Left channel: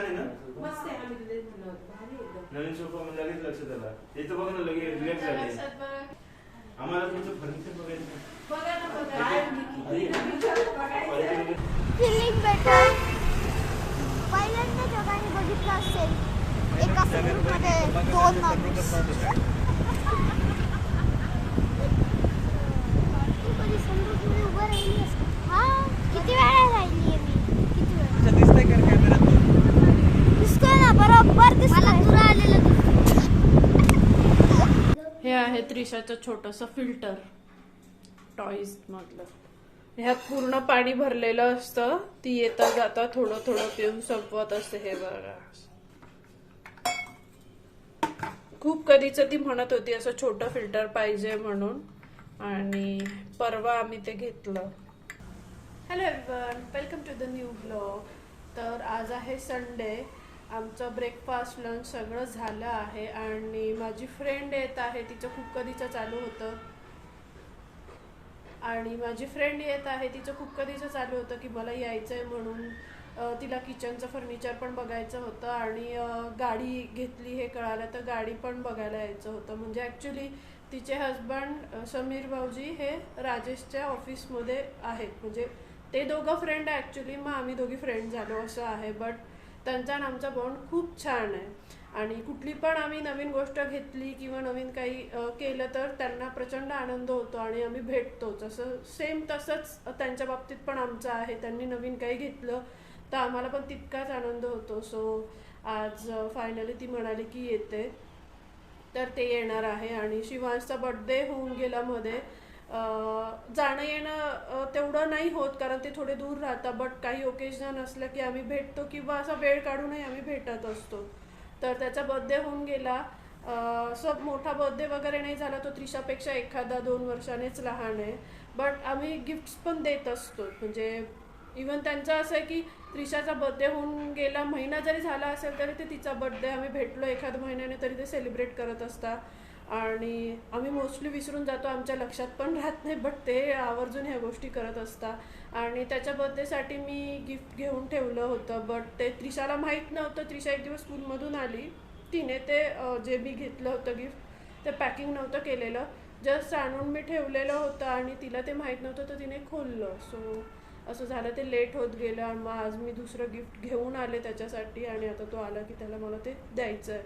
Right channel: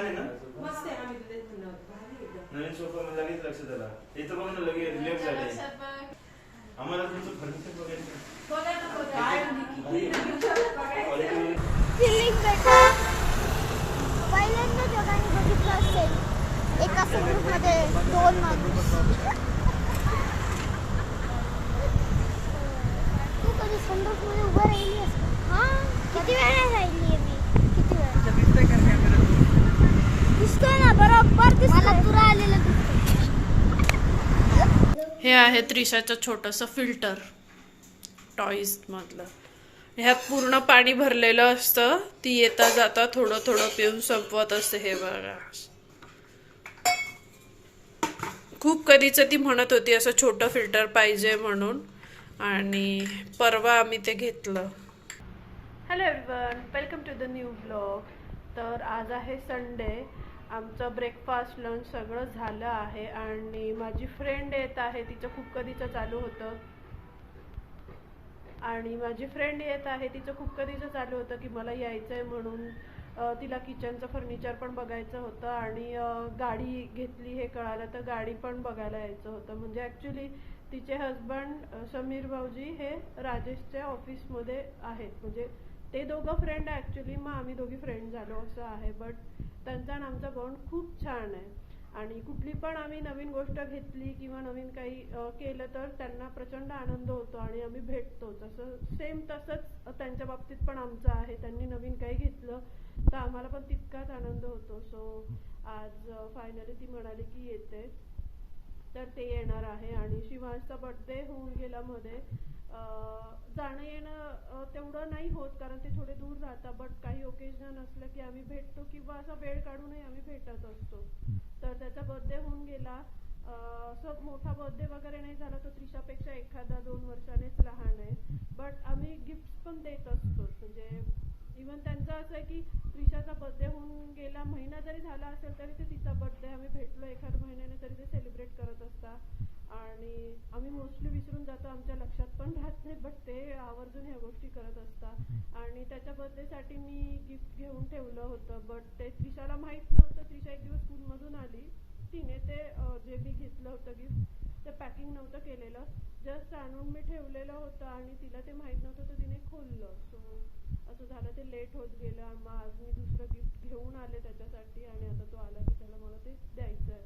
छान आहे ना? मस्त आहे. आम्ही तुला म्हणलं होतं भारी एकदम. नवीन सोफा म्हणजे लगेच लक्षात आला. इथं बघ ना, लगेच रिलॅक्स झाले. आम्हाला तुमचं फर्निचर बघायचं. बघा ना बघा. फिलिंग बेटर पहिल्यांदा दोघांनी बघितलं असेल एका ग्रुपमध्ये 2 माणूस. तू कधी सनरूफमध्ये उभं राहिली आहेस का? हां, किती वेळा राहिली आहे मी. किती वेळा दिसतंय का कॅमेरात? दिसतोय ना, बरोबर दिसतोय. मला तुला आलेलं दिसतंय. हे आहे त्रिशाचं छोटंसं फिल्टर टॉईज मधलं. ह्यात पूर्ण पाणी भरलेलं असतं. ती येता जाता थोडं थोडं पिऊन संपवत असते. हे बघा, खूप कधीच ती म्हणत होती असं छोटं फिल्टर पाहिजे म्हणून, आणि परवा आम्ही ते घेतलं. Hello everyone, welcome to the new blog. तर आज आहे संडे. आमचं ब्रेकफास्ट लंच सगळं झालं आहे आणि माझी फ्रेंड येत आहे. तिचं खूप कधीचं चालू होतं की मला यायचं आहे म्हणून. तिला किचनचं फर्निचर पण बघायचं होतं आणि गाडी घेतली हे कळालं तर गाडी पण बघायला यायचं होतं. म्हणजे ॲक्च्युली तिचे हजबंड समीर भाऊजी हे राजेशच्या ऑफिसमध्ये आहेत. म्हणजे ते दोघं फ्रेंड आहे ॲक्च्युली. मग आम्ही दोघी फ्रेंड झालो असं आहे. बट त्यांचा आणि आमचा बॉन्ड खूप छान आहे आणि कुठली पण आम्ही नवीन गोष्ट घेतली किंवा नवीन काही केलं तर त्यांना प्रचंड आनंद होतो आणि आम्ही भेटतोच. असं सेम तसंच त्यांच्या बाबतीत पण आमचं आहे. त्यांनी नवीन काही घेतलं तर आम्हाला पण तितकाच आनंद होतो. सो आज फायनली ती म्हणाली की येते, तर ते येणार आहे. आणि शिवांशचा बर्थडे होऊन गेला मध्ये. जाणं येणं तेवढं नाही होत कारण ते थोडे दूर राहतात. बट काही ओकेजन असलं की आम्ही भेटतो किंवा असा वेळ काढूनही आम्ही भेटत असतो. तर त्याचा बर्थडे होऊन गेला. असं मोठा बर्थडे वगैरे नाही झाला. तो त्रिशापेक्षा 1-2 वर्षानेच लहान आहे. बट आम्ही गिफ्ट्स पण देत असतो. म्हणजे इवन त्यांचं असं आहे की त्रिशाचा बर्थडे होऊन गेला, महिना जरी झाला असेल तरी ते तिचा बर्थडे आम्ही भेटलो एखाद्या महिन्याने तरी ते सेलिब्रेट करत असतात. आणि आम्ही मोस्टली विसरून जातो, आमच्या लक्षात पण राहत नाही. बट ते आवर्जून ह्या गोष्टी करत असतात. आणि त्याच्या बर्थडेसाठी मी गिफ्ट घेऊन ठेवलं होतं. बट ते त्रिशाला माहीत नव्हतं. त्रिशा एक दिवस स्कूलमधून आली, तिने ते जे मी घेतलं होतं गिफ्ट ते पॅकिंग नव्हतं केलेलं, जस्ट आणून मी ठेवलेलं होतं आणि तिला ते माहीत नव्हतं तर तिने खोललं. सो असं झालं, ते लेट होत गेलं. आणि मग आज मी दुसरं गिफ्ट घेऊन आले त्याच्यासाठी आणि आता तो आला की त्याला मला ते द्यायचं आहे.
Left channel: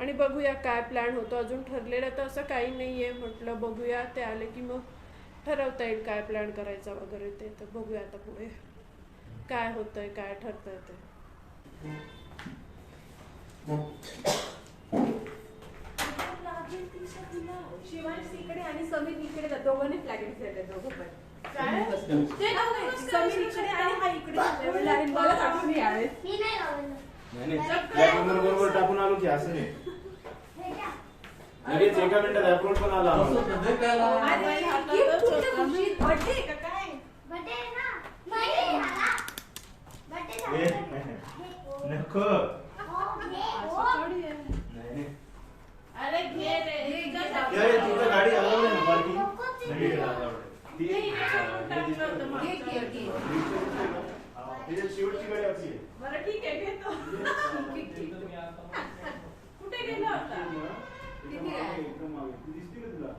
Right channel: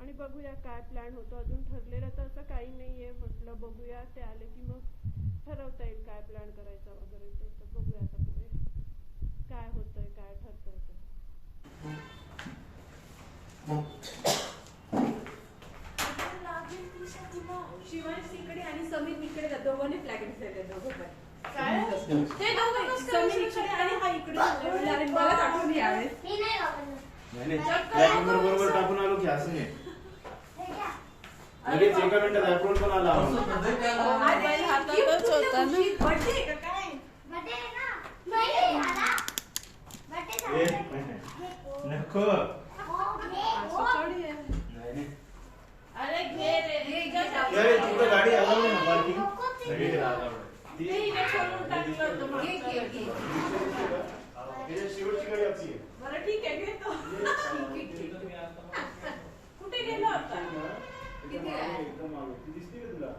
आणि बघूया काय प्लॅन होतो. अजून ठरलेलं तर असं काही नाही आहे. म्हटलं बघूया, ते आले की मग ठरवता येईल काय प्लॅन करायचा वगैरे ते. तर बघूया आता पुढे काय होतंय, काय ठरतंय ते. शिवांश इकडे आणि समीर इकडे जातो. दोघांनी फ्लॅग इकडे दोघं पण. काय? ते दोघं समीर इकडे आणि हा इकडे. मला आठवण यावेळेस मी नाही लावलं. बरोबर टाकून आलो की असं नाही. लगेच 1 मिनिटात अप्रोच पण आला. बर्थडे का काय? बर्थडे ना महिने झाला. बर्थडे झाला. नको. अरे घे रे. तुझं गाडी अलाव ना पार्किंग. शेवटची गाडी आपली. बरं ठीक आहे, घेतो. कुठे गेला होता? किती आहे? दिसते का तुला?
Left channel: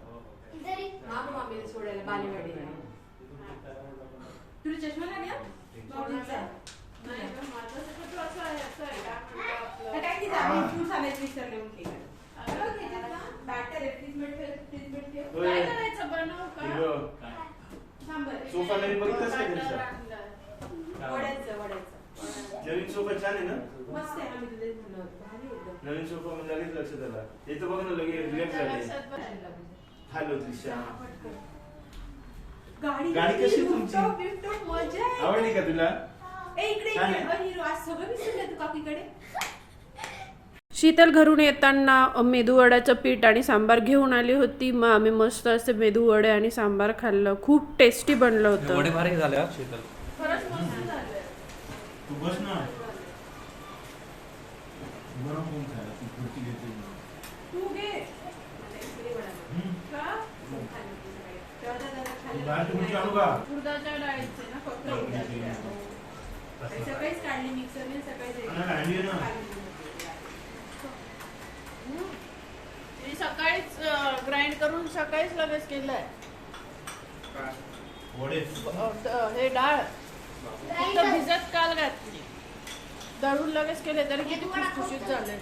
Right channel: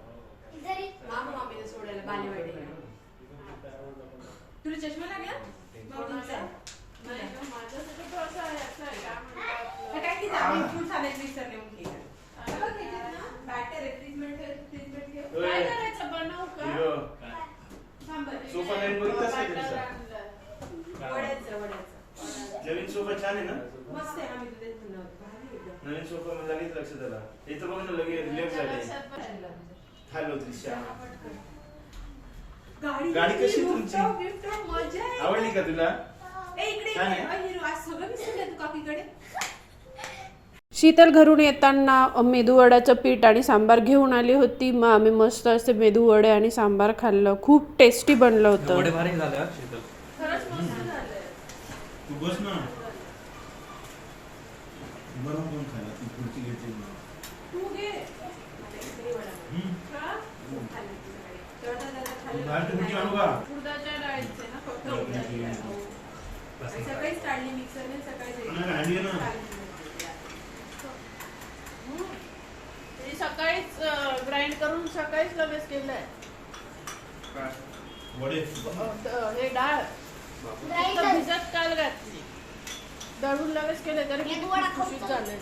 जरी मामीला सोडायला बालेवाडीला. तुला चष्मा लागला? बाबूचा. नाही का, माझं सगळं असं आहे, असं आहे. काय की जामी फ्रूट आणायचं विसरले म्हणते. बॅटर आहे, फ्रीजमध्ये ठेव. काय करायचं, बनवू का? थांब बरं. सोफा नवीन बघितलास का तुझा? वड्याचं. नवीन सोफा छान आहे ना? मस्त आहे. आम्ही तुला म्हणलं होतं भारी एकदम. नवीन सोफा म्हणजे लगेच लक्षात आला. इथं बघ ना, लगेच रिलॅक्स झाले. हॅलो त्रिशा. गाडी कशी तुमची? मजा आहे. आवडली का तुला? इकडे छान आहे. हिरो आज सगळं विसरलं तू काकीकडे. शीतल घरून येताना मेदूवड्याचं पीठ आणि सांबार घेऊन आली होती. मग आम्ही मस्त असे मेदूवडे आणि सांबार खाल्लं. खूप टेस्टी बनलं होतं. वडे भारी झाले हा शीतल. खरंच मस्त झालंय. तू बस ना. बरं कोण खायला? तू खुर्ची घेते. तू घे. का? बाहेर खुर्ची आणू का? उडदाच्या डाळीचे ना फक्त उडदाची डाळ. सकाळीच काढली मिक्सरने, सकाळीच काढली ना. सकाळीच ग्राइंड करून सकाळीच लगेच केलंय वडे हे डाळ भिजत काल घातली, दळून लगेच केले तरी किती खुशखुशीत झाले.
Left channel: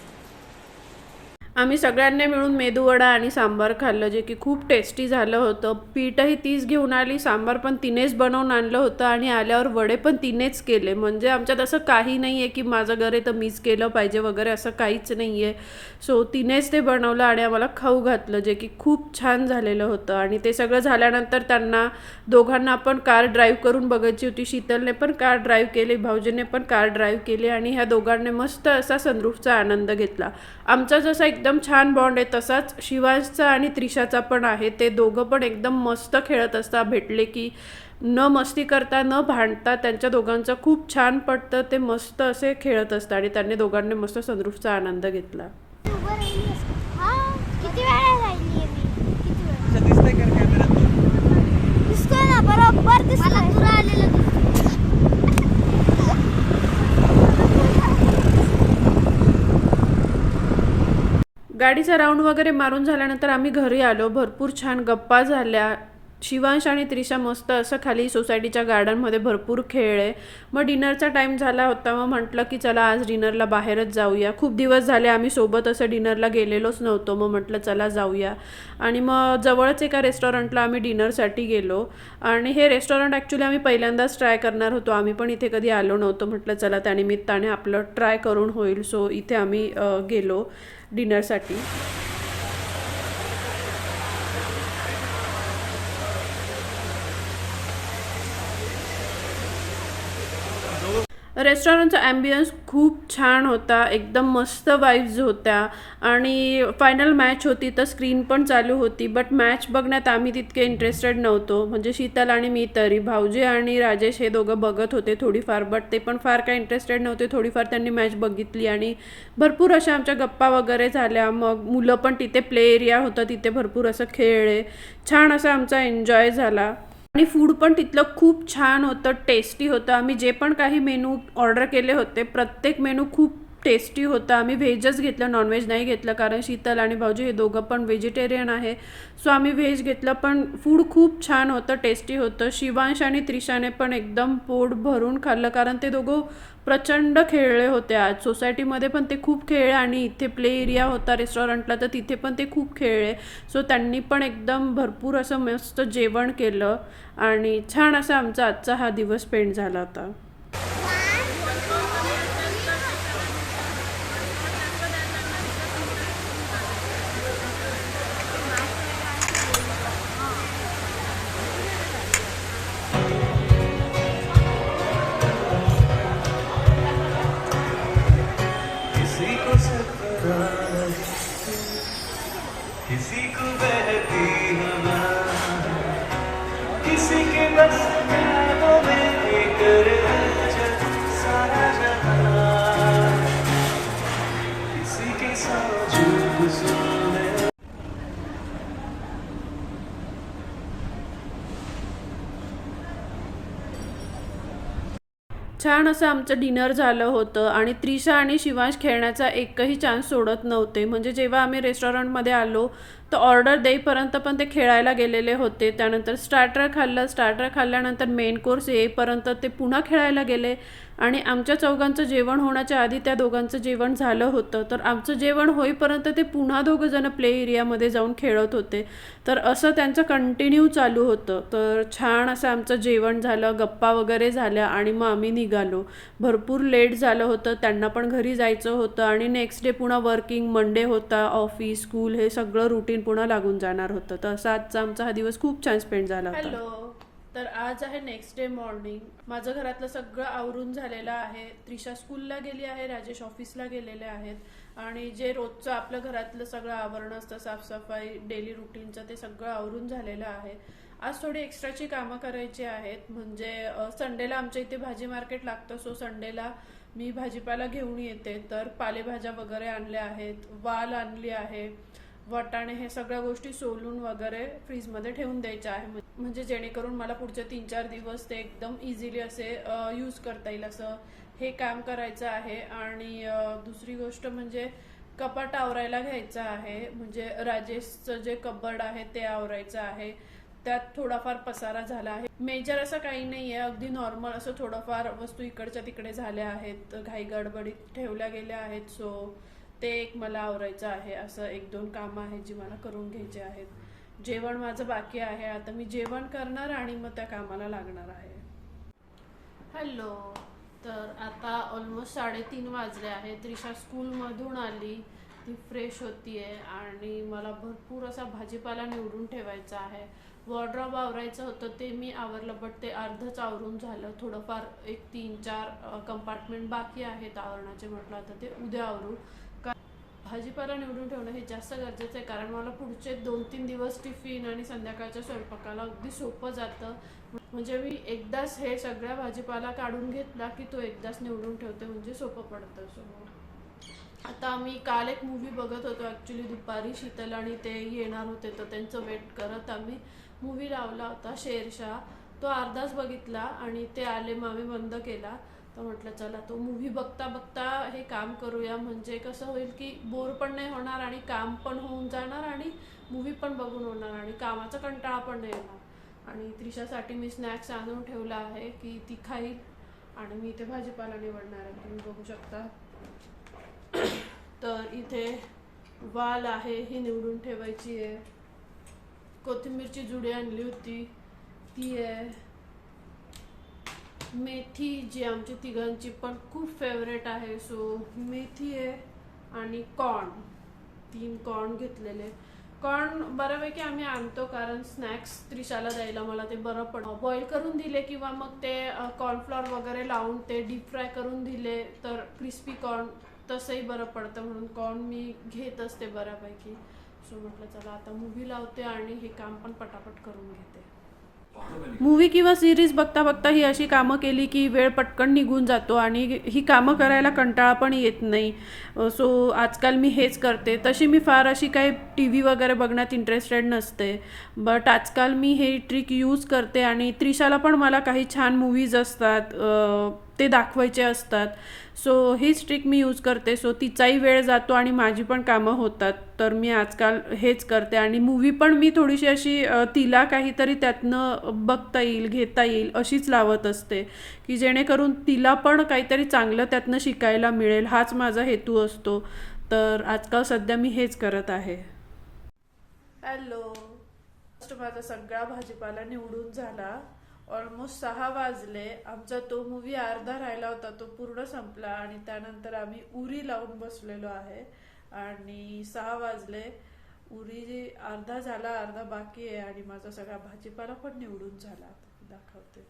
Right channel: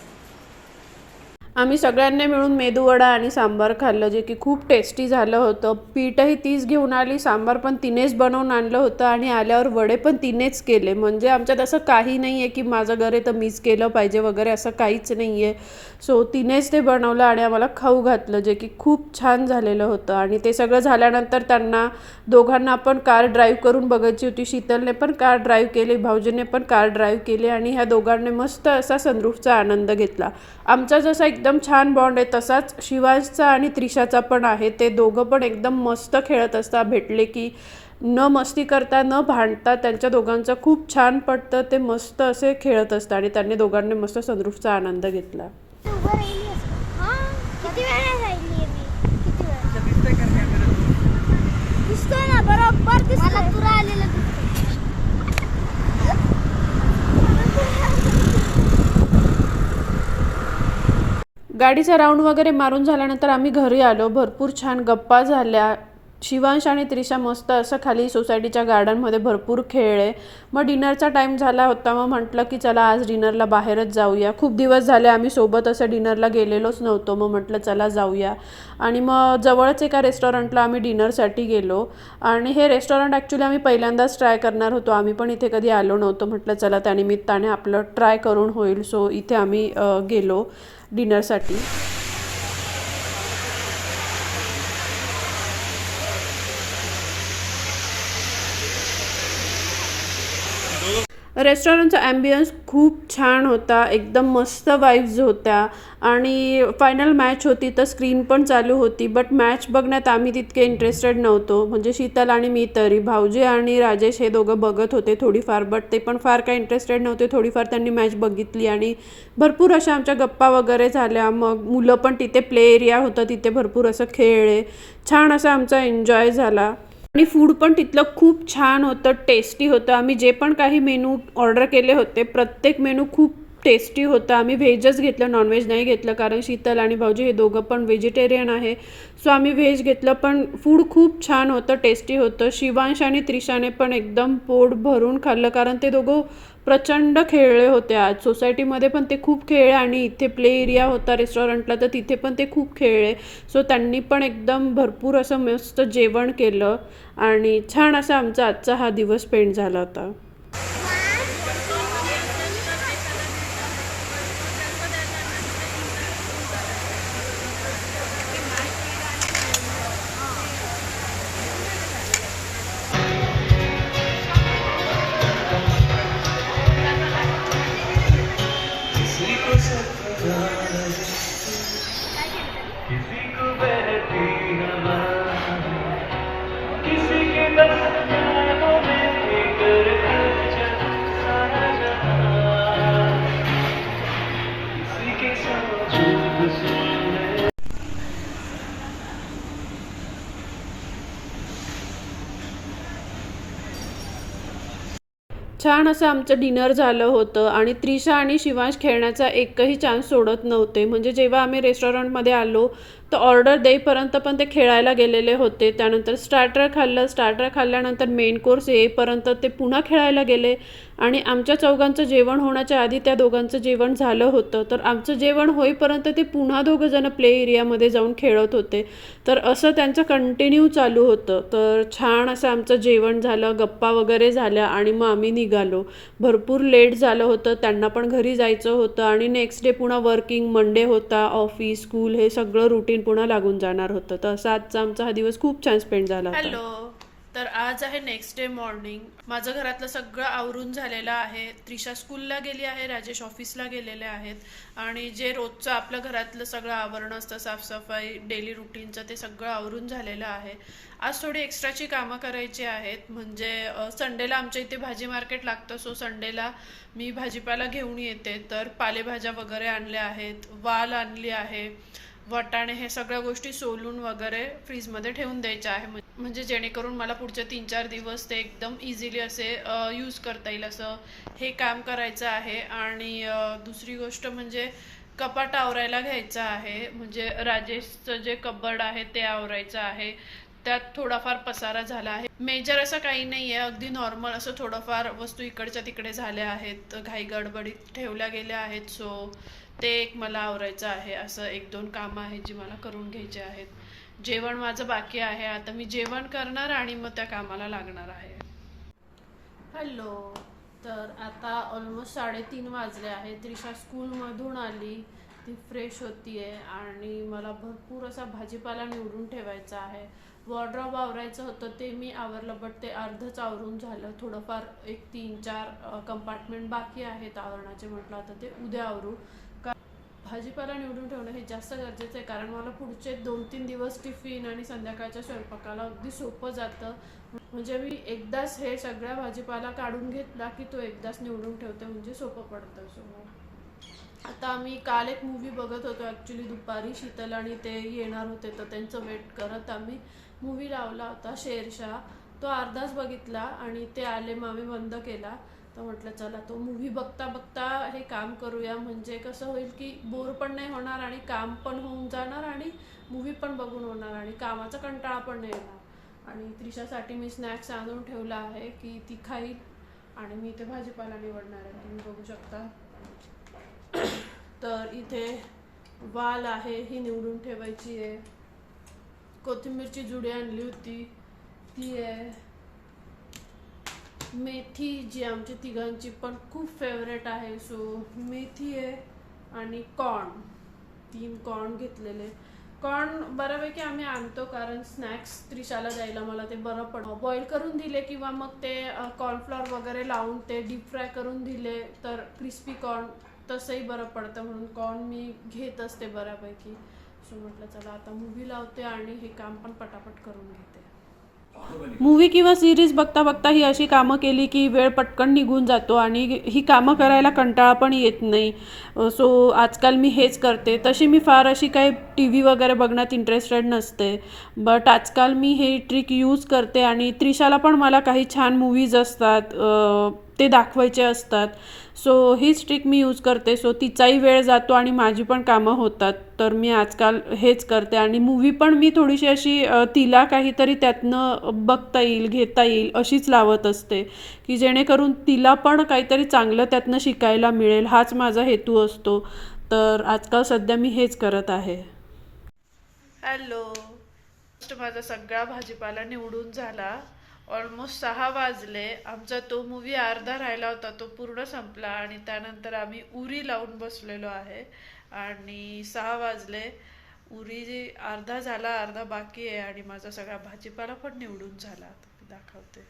आम्ही सगळ्यांनी मिळून मेदूवडा आणि सांबार खाल्लं, जे की खूप टेस्टी झालं होतं. पीठही तीच घेऊन आली, सांबार पण तिनेच बनवून आणलं होतं आणि आल्यावर वडे पण तिनेच केले. म्हणजे आमच्यात असं काही नाही आहे की माझं घर आहे तर मीच केलं पाहिजे वगैरे, असं काहीच नाही आहे. सो तिनेच ते बनवलं आणि आम्हाला खाऊ घातलं, जे की खूप छान झालेलं होतं. आणि ते सगळं झाल्यानंतर त्यांना दोघांना पण कार ड्राईव्ह करून बघायची होती. शीतलने पण कार ड्राईव्ह केली, भाऊजीने पण कार ड्राईव्ह केली आणि ह्या दोघांनी मस्त असा सनरूफचा आनंद घेतला. आमचा जसा एकदम छान बॉन्ड आहे तसाच शिवांशचा आणि त्रिशाचा पण आहे. ते दोघं पण एकदम मस्त खेळत असतात, भेटले की न मस्ती करता न भांडता. त्यांच्या दोघांचं खूप छान पडतं, ते मस्त असे खेळत असतात आणि त्यांनी दोघांनी मस्त सनरूफचा आनंद घेतला. उभं राहिली असते. हा किती वेळा राहिली मी, किती वेळा दिसतंय का कॅमेरात? दिसतोय ना, बरोबर दिसतोय. मला तुला आलेलं दिसतंय. गाडीचा राऊंड वगैरे मारून झाल्यानंतर आम्ही घरी आलो. भरपूर छान गप्पा झाल्या. शिवांश आणि त्रिशा मस्त असं खाली सोसायटीच्या गार्डनमध्ये भरपूर खेळले. मग डिनरचा टाईम झाला होता, मग म्हटलं की चला आज डिनरला बाहेरच जाऊया. खूप दिवस झाले आम्ही सोबत असं डिनरला गेलेलोच नव्हतो, मग म्हटलं चला जाऊया. आणि मग जवळच एका रेस्टॉरंटला आम्ही डिनरसाठी गेलो. आणि हे रेस्टॉरंट ॲक्च्युली आम्ही पहिल्यांदाच ट्राय करणार होतो, आम्ही पण इथे कधी आलो नव्हतो. म्हटलं चला त्यानिमित्ताने आपलं ट्राय करून होईल. सो इथे आम्ही गेलो डिनरसाठी. रेस्टॉरंटचा ॲम्बियन्स खूप छान होता, एकदम मस्त वाईब्स होत्या. आणि फायनल मॅच होती तर स्क्रीन पण चालू होती, बट मॅच बघण्यात आम्ही तितके इंटरेस्टेड नव्हतो. म्हणजे शीतल आणि मी तरी. भाऊजी आणि राजेश हे दोघं बघत होते थोडीफार, बट ते पण फार काय इंटरेस्टेड नव्हते. थोडीफार त्यांनी मॅच बघितली आणि भरपूर अशा आमच्या गप्पा वगैरे झाल्या. मग मुलं पण तिथे प्ले एरिया होतं, तिथे भरपूर असं खेळले. छान असा आमचा एन्जॉय झाला. आणि फूड पण तिथलं खूप छान होतं, टेस्टी होतं. आम्ही जे पण काही मेनू ऑर्डर केले होते प्रत्येक मेनू खूप टेस्टी होता. आम्ही व्हेजच घेतलं, नॉनव्हेज नाही घेतलं, कारण शीतल आणि भाऊजी हे दोघं पण व्हेजिटेरियन आहे. सो आम्ही व्हेज घेतलं, पण फूड खूप छान होतं, टेस्टी होतं. शिवांश आणि त्रिशाने पण एकदम पोट भरून खाल्लं, कारण ते दोघं प्रचंड खेळले होते आज. सोसायटीमध्ये पण ते खूप खेळले आणि इथे प्ले एरिया होता रेस्टॉरंटला तर तिथे पण ते खूप खेळले. सो त्यांनी पण एकदम भरपूर असं मस्त जेवण केलं आणि छान असा आमचा आजचा हा दिवस स्पेंड झाला होता. किसी को बहती हवा, किसी के बस ख्यालों में करे सारा जहां, किसी के साथ चुप सुनने. छान असं आमचं डिनर झालं होतं आणि त्रिशा आणि शिवांश खेळण्याचा एकही चान्स सोडत नव्हते. म्हणजे जेव्हा आम्ही रेस्टॉरंटमध्ये आलो तर ऑर्डर देईपर्यंत पण ते खेळायला गेलेले होते. त्यानंतर स्टार्टर खाल्ल्यानंतर मेन कोर्स येईपर्यंत ते पुन्हा खेळायला गेले. आणि आमच्या चौघांचं जेवण होण्याच्या आधी त्या दोघांचं जेवण झालं होतं, तर आमचं जेवण होईपर्यंत ते पुन्हा दोघंजणं प्ले एरियामध्ये जाऊन खेळत होते. तर असं त्यांचं कंटिन्यू चालू होतं. तर छान असं आमचं जेवण झालं, गप्पा वगैरे झाल्या आणि मग आम्ही निघालो. भरपूर लेट झालं होतं, त्यांना पण घरी जायचं होतं आणि नेक्स्ट डे पुन्हा वर्किंग, मंडे होता, ऑफिस, स्कूल हे सगळं रुटीन पुन्हा लागून जाणार होतं. तर असं आजचा आमचा हा दिवस खूप छान स्पेंड झाला होता. हॅलो, तर आज आहे नेक्स्ट डे मॉर्निंग. माझं घरातलं सगळं आवरून झालेलं आहे. त्रिशा स्कूलला गेली आहे, राजेश ऑफिसला गेलेले आहेत आणि जे रोजचं आपलं घरातलं सगळं आवरण असतं, साफसफाई, डेली रुटीनचं, ते सगळं आवरून झालेलं आहे. आज थोडी एक्स्ट्राची कामं करायची आहेत. म्हणजे संडेला आमच्या इथे भाजी मार्केट लागतं, सो संडेला मी भाजीपाला घेऊन येते. तर पालेभाज्या वगैरे आणल्या आहेत, वाल आणली आहे, वाटाणे, हे सगळ्या गोष्टी सोलून वगैरे फ्रीजमध्ये ठेवून द्यायच्या आहे. म्हणजे जेणेकरून मला पुढचे 3-4 दिवस ते एकदम इझिली असे यूज करता येईल असं हे काम करायचं आहे. आणि दुसरी गोष्ट म्हणजे कपाट आवरायला घ्यायचं आहे. म्हणजे राजेशचं जे कबर्ड आहे ते आवरायचं आहे. त्यात थोडाफार पसारा झाला आहे. मेजर असं काही नाही आहे, अगदी नॉर्मल असं थोडंफार वस्तू इकडच्या तिकडे झाल्या आहेत, घाई गडबडीत ठेवल्या गेल्या आहेत. सो ते एक मला आवरायचं आहे. असं 1-2 कामं आहेत जी मला करून घ्यायची आहेत. जेवण माझं बाकी आहे. आता मी जेवण करणार आणि मग त्या कामाला लागणार आहे. हॅलो. तर आता ऑलमोस्ट 3:30 वाजले आहे. त्रिशा स्कूलमधून आली, ती फ्रेश होतीये आणि मला भरपूर असा भाजीपाला निवडून ठेवायचा आहे. वॉर्डरोब आवरायचं होतं ते मी आवरलं, बट ते अर्धच आवरून झालं. थोडंफार 3-4 कंपार्टमेंट बाकी आहेत आवरणाचे. म्हटलं आता ते उद्या आवरू. भाजीपाला निवडून ठेवणं हे जास्त गरजेचं आहे, कारण मला पुढचे 2-3 दिवस टिफिन आणि संध्याकाळच्या स्वयंपाकाला अगदी सोपं जातं. म्हणजे मी एकदाच हे सगळ्या भाजीपाला काढून घेतला की तो एकदाच निवडून ठेवते, म्हणजे सोपं पडतं. सो आता आम्ही काल एक मूवी बघत होतो ॲक्च्युली दुपारी. शीतल आणि ते येणार होते, तर त्यांचं वेट करत आम्ही मूवी लावला होता शेरशाह. तो अर्धाच बघितला आणि ते आले, मग आम्ही बंद केला. तर म्हटलं चला तो मूवी बघता बघता हे काम करूया, म्हणजे कसं होईल की बोर पण नाही होणार आणि काम पण होऊन जाणार आणि मूवी पण बघून होणार आणि कामाचा कंटाळा पण नाही येणार. आणि त्रिशासाठी मी स्नॅक्स आणून ठेवला आहे की ती खाईल आणि मी इथे भाजीपाला निवडणार आहे, तुम्ही बघू शकता. तर इथे वाल आहे, ही निवडून ठेवायची आहे. कोथिंबीरची जुडी आणली होती ती आहे. मेथी जी आमची तिघांची पण खूप फेवरेट आहे, सो मेथी आहे. आणि कॉर्न, 3 कॉर्न घेतलेले. कॉर्न बऱ्यापैकी आम्ही आणतो, कारण स्नॅक्स त्रिशाला द्यायला मला ते बरं पडतं. बॉईल करून दिले किंवा मग ते कॉर्नफ्लॉवर वगैरे लावून ते डीप फ्राय करून दिले तर क्रिस्पी कॉर्न तसंही बरं पडतं, म्हणून कॉर्न मी घेत असते बऱ्यापैकी. सो म्हटलं चला आता मूवी लावते आणि हे काम पण पटापट करून घेते. मूवी किंवा सिरीज बघता बघता ही अशी कामं केली की वेळ पटकन निघून जातो आणि ही कामं करायला कंटाळा पण येत नाही. सो आजकाल मी हेच करते. तशी मी फार अशी काही TV वगैरे बघण्यात इंटरेस्टेड नसते, बट आजकाल मी हे ट्रिक यूज करते. आणि त्रिशाला पण मला काही छान मूवीज असतात ते दाखवायचे असतात, सो हीच ट्रिक मी यूज करते. सो तिचाही वेळ जातो आणि माझी पण कामं होतात. तर मी आजकाल हेच करते. आणि मूवी पण मी थोडीशी अशी तिला काहीतरी त्यातनं बघता येईल, घेता येईल अशीच लावत असते, की जेणेकरून तिला पण काहीतरी चांगलं त्यातनं शिकायला मिळेल, हाच माझा हेतू असतो. तर आजकाल सध्या मी हेच करत आहे. हॅलो. माझा सगळा भाजीपाला निवडून झाला. ऑलमोस्ट 6 वाजले. आमचा तो मूवी अर्धा राहिला होता, तो पूर्ण संपला आणि त्यानंतर आम्ही उरी लावून बसलेलो आहे. आणि 6 वाजले. उरी अर्धा झाला, अर्धा बाकी आहे आणि माझा सगळा भाजीपाला पण निवडून झाला. मी दाखवते.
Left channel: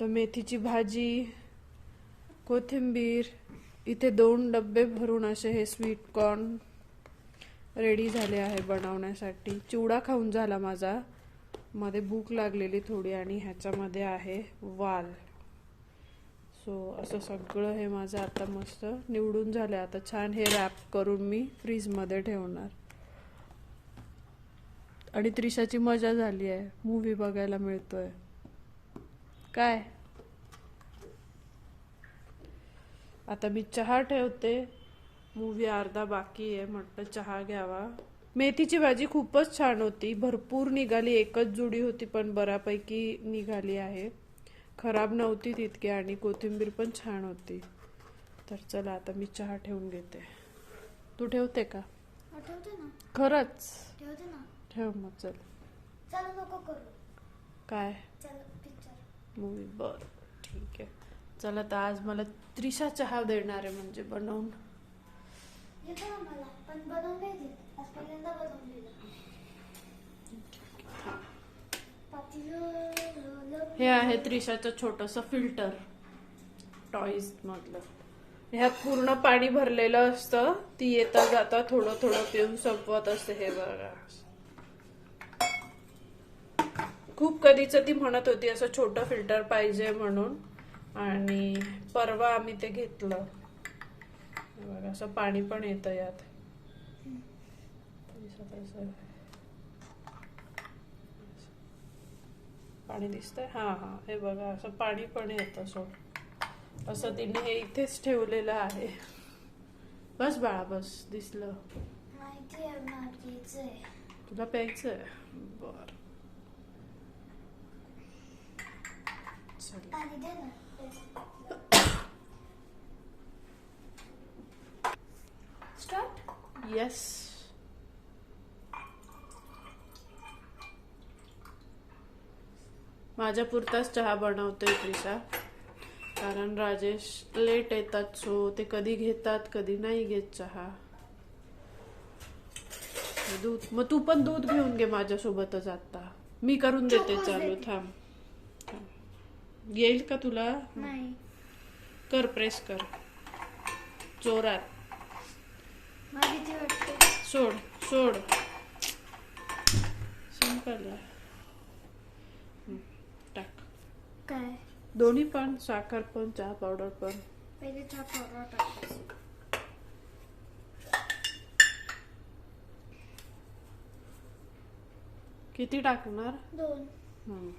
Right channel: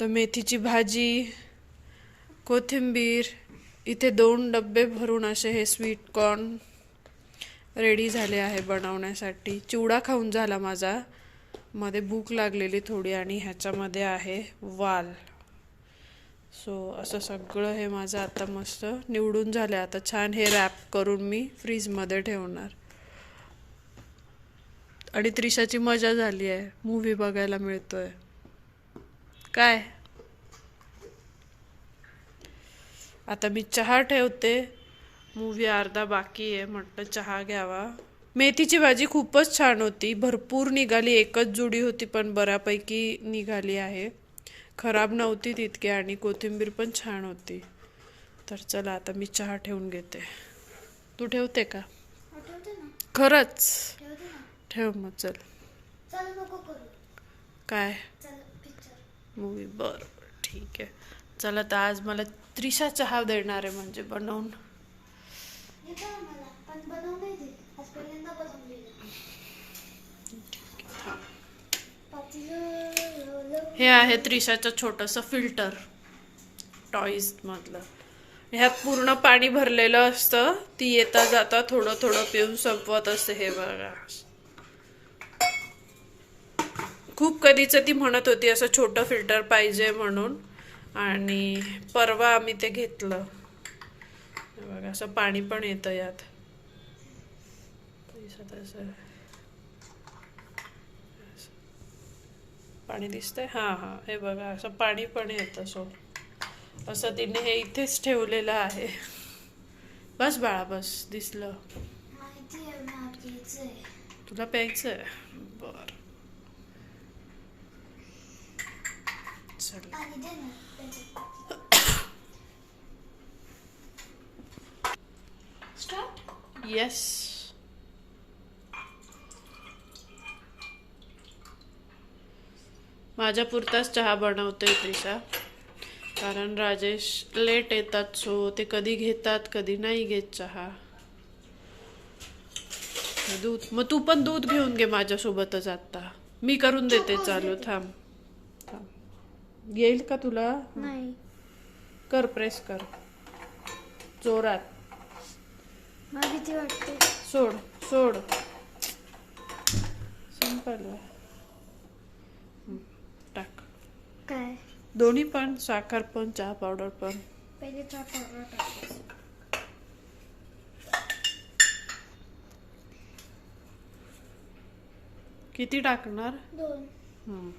तर मेथीची भाजी, कोथिंबीर, इथे 2 डब्बे भरून असे हे स्वीट कॉर्न रेडी झाले आहे बनवण्यासाठी. चिवडा खाऊन झाला माझा, मध्ये भूक लागलेली थोडी. आणि ह्याच्यामध्ये आहे वाल. सो असं सगळं हे माझं आता मस्त निवडून झालं. आता छान हे रॅप करून मी फ्रीजमध्ये ठेवणार. आणि त्रिशाची मजा झाली आहे, मूवी बघायला मिळतोय. काय आता मी चहा ठेवते, मूवी अर्धा बाकी आहे, म्हटलं चहा घ्यावा. मेथीची भाजी खूपच छान होती, भरपूर निघाली. एकच जुडी होती पण बऱ्यापैकी निघाली आहे, खराब नव्हती तितकी. आणि कोथिंबीर पण छान होती. तर चला आता मी चहा ठेवून घेते. तू ठेवते का? खरंच ठेव मग. चल काय मूवी? बरं ठीक आहे. चला तर आज मला त्रिशा चहा देणार आहे, म्हणजे बनवून. हे आहे त्रिशाचं छोटंसं फिल्टर टॉईज मधलं. ह्यात पूर्ण पाणी भरलेलं असतं, ती येता जाता थोडं थोडं पिऊन संपवत असते. हे बघा, खूप कधीच ती म्हणत होती असं छोटं फिल्टर पाहिजे म्हणून, आणि परवा आम्ही ते घेतलं. बघा असं पाणी पण येतं यात. पाणी दिसतंय? हां हे बघा असं पाणी पण येतं. सोड असं तिने हे इथेच ठेवलेलं आहे. बस बाळा बस. दिसलं माहिती आहे ना घ्यायचंय. तुला प्यायचंय? बर चल. पाणी दे ना. स्टार्ट. येस. माझ्या पुरताच चहा बनवते त्रिशा, कारण राजेश लेट येतात. सो ते कधी घेतात कधी नाही घेत चहा. दूध मग तू पण दूध घेऊन घे माझ्यासोबतच. आता मी करून देते. चालू थांब थांब. येईल का तुला? नाही कर प्रेस कर जोरात. मला भीती वाटते. सोड सोड. सिंपल आहे. टाक काय? दोन्ही पण, साखर पण चहा पावडर पण. पहिले चहा पावडर टाकायचं. किती टाकणार? 2.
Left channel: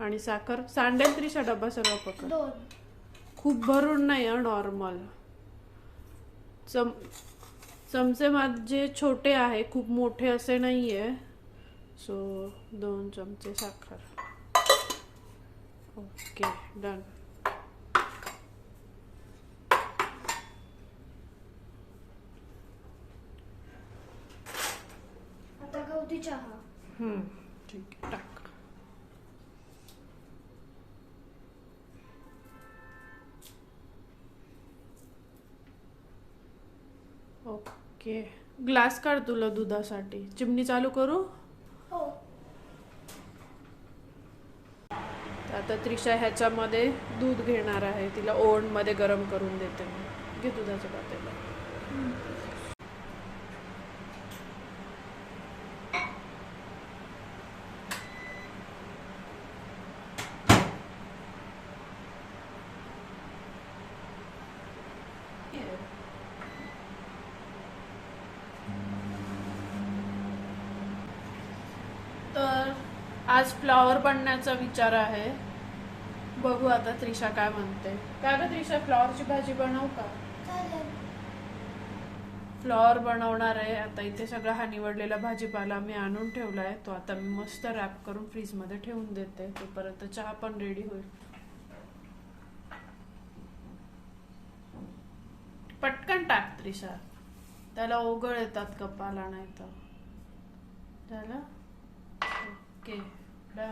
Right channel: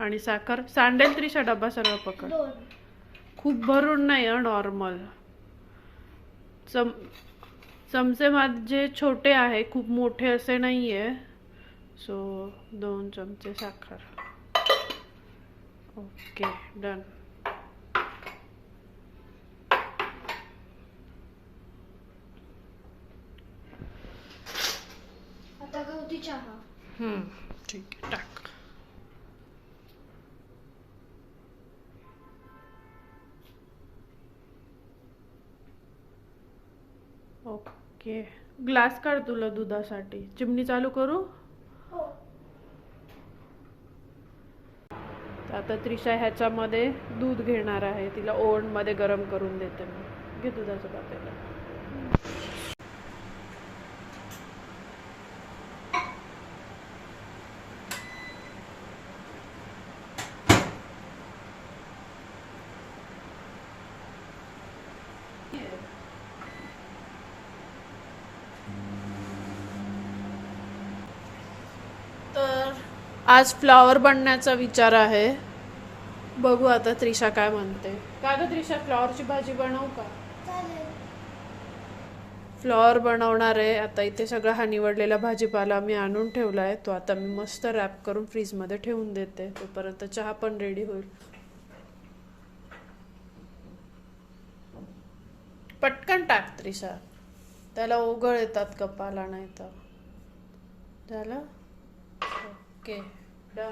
आणि साखर सांडेल त्रिशा. डबा सर्व पकड. 2. खूप भरून नाही. नॉर्मल चमचे माझे छोटे आहे, खूप मोठे असे नाहीये. सो 2 चमचे साखर. Okay done. आता गवती चहा. ठीक आहे टाक. ओके ग्लास काढ तुला दुधासाठी. चिमणी चालू करू? हो. आता त्रिशा ह्याच्यामध्ये दूध घेणार आहे. तिला ओव्हन मध्ये गरम करून देते मी. घे दुधाचं पातेलं. तर आज फ्लॉवर बनण्याचा विचार आहे. बघू आता त्रिशा काय म्हणते. का ग त्रिशा, फ्लॉवरची भाजी बनवू का? चालेल. फ्लॉवर बनवणार आहे. आता इथे सगळा हा निवडलेला भाजीपाला मी आणून ठेवलाय. तो आता मी मस्त रॅप करून फ्रीज मध्ये ठेवून देते. तोपर्यंत चहा पण रेडी होईल. पटकन टाक त्रिशा, त्याला ओघळ येतात कपाला. नाही तर झालं. Okay done.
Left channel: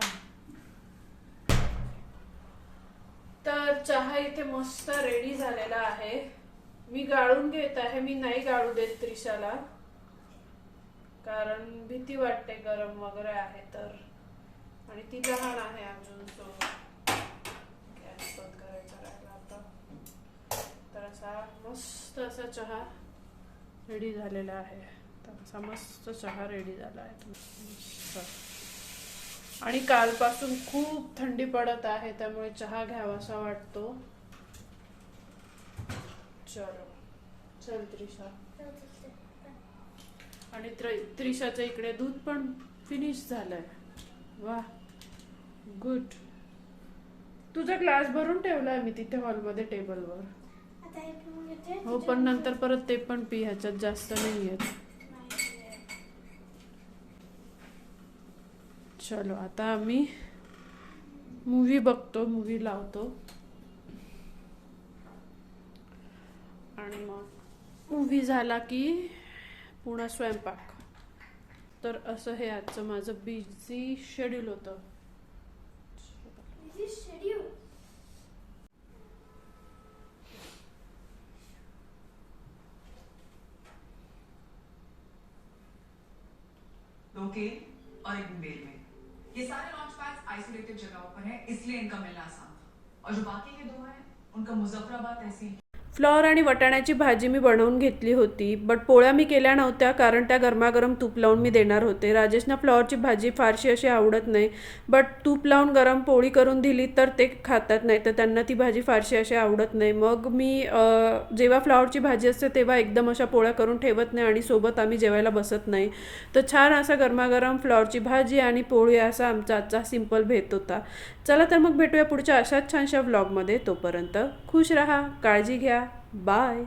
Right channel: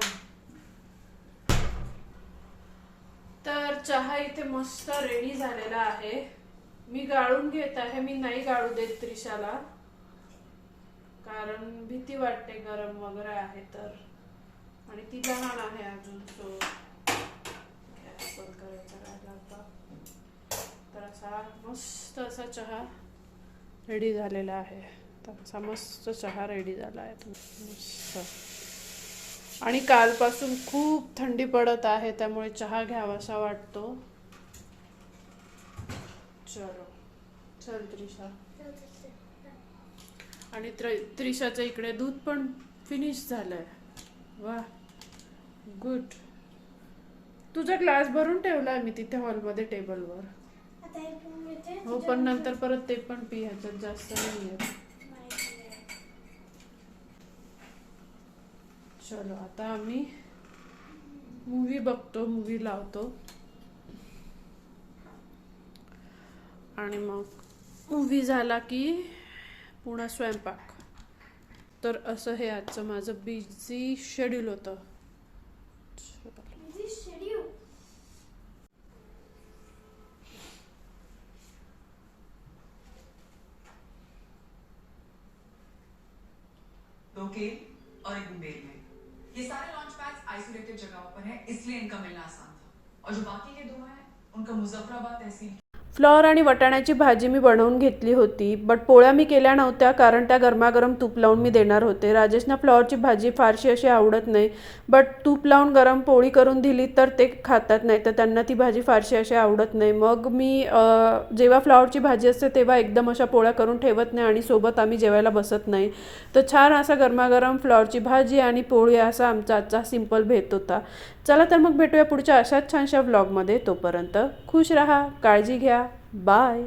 तर चहा इथे मस्त रेडी झालेला आहे. मी गाळून घेत आहे. मी नाही गाळू देत त्रिशाला, कारण भीती वाटते गरम वगैरे आहे तर. आणि ती लहान आहे अजून. सो गॅस बंद करायचा राहिला आता. तर असा मस्त असा चहा रेडी झालेला आहे. तर असा मस्त चहा रेडी झाला आहे मस्त. आणि कालपासून खूप थंडी पडत आहे, त्यामुळे चहा घ्यावासा वाटतो. चलो चल त्रिशा. आणि त्रिशाच्या इकडे दूध पण फिनिश झालंय. वा गुड. तुझा ग्लास भरून ठेवलाय मी तिथे हॉलमध्ये टेबलवर. आता हे पिऊन घेते. हो पण नंतर परत ते पण पी. ह्याच्यात जास्त नाहीये. चलो आता आम्ही मूवी बघतो. मूवी लावतो आणि मग मूवी झाला की पुन्हा स्वयंपाक. तर असं हे आजचं माझं बिझी शेड्यूल होतं. दो केक और एक बुंदेली में। ये सारे लॉन्च पैड्स आइसोलेटेड जगहों पर हैं, इसलिए इनका मिलना आसान था। और जो बाकी के 2 हैं, उनका मुजफ्फराबाद तहसील फ्लॉवर आणि वाटाण्याची भाजी मी बनवून घेतली होती, बट पोळ्या मी केल्या नव्हत्या कारण त्या गरमागरम तूप लावून मी देणार होते. राजेशना फ्लॉवरची भाजी फारशी अशी आवडत नाही, बट तूप लावून गरम पोळी करून दिली तर ते खातात, नाही तर त्यांना ती भाजी फारशी अशी आवडत नाही. मग मी जेव्हा फ्लॉवरची भाजी असते तेव्हा एकदम अशा पोळ्या करून ठेवत नाही आणि सोबत आम्ही जेवायला बसत नाही. तर छान असा गरमागरम फ्लॉवरची भाजी आणि पोळी असा आमचा आजचा सिंपल भेट होता. चला तर मग भेटूया पुढच्या अशाच छानशा व्लॉगमध्ये. तोपर्यंत खुश राहा, काळजी घ्या, बाय.